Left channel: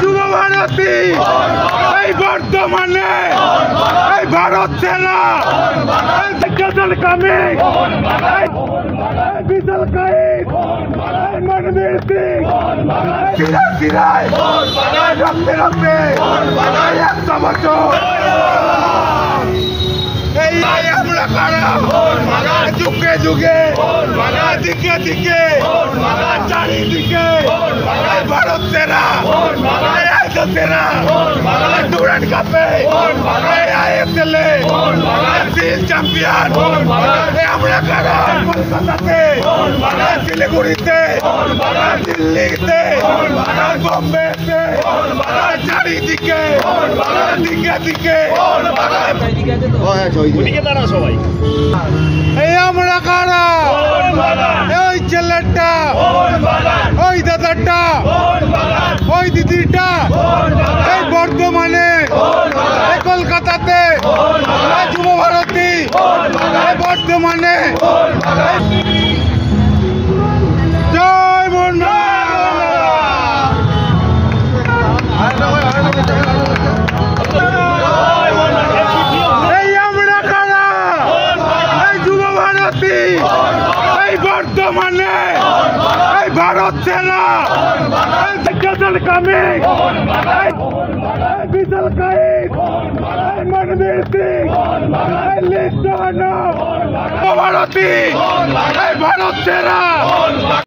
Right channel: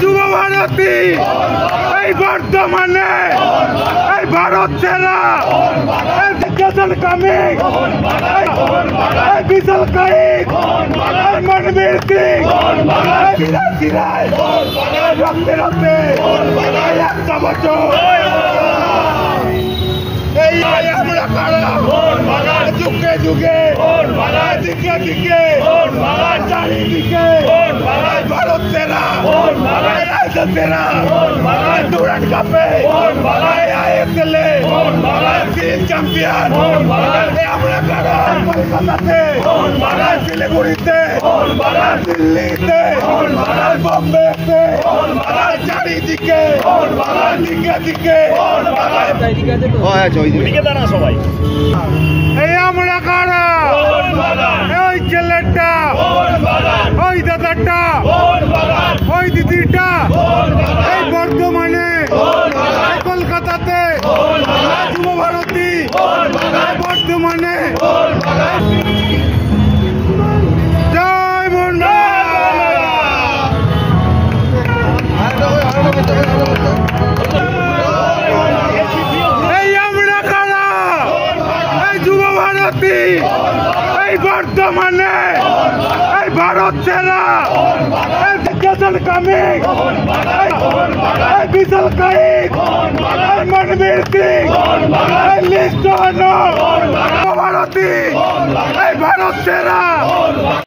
যুব ভারতী এই বর্তমানে এই ভারত সেনা কামিং বিশাল কাইক মনবীর সিং সিরায় রক্তে রক্তে 100 বছর এই আমরা কারা যুগে যুগে দিকে দিকে চারিদিকে ভারত সেনা সেনা ডুরান্ড কাপে আইএসএল চ্যাম্পিয়ন আমরা কারা কলকাতাতে শিলিগুড়িতে দিল্লিতে বোম্বেতে চারিদিকে দিকে দিকে সবাই এই আমরা কারা ওই ছেলেটা ওই দাদাটা ওই দিদিটা এই বর্ধমানে কলকাতাতে যুব ভারতী বর্ধমানে বর্তমানে এই ভারত সেনা কামিং বিশাল কাইক মনবীর সিং লিস্ট ভারতী এই ভারত সেনা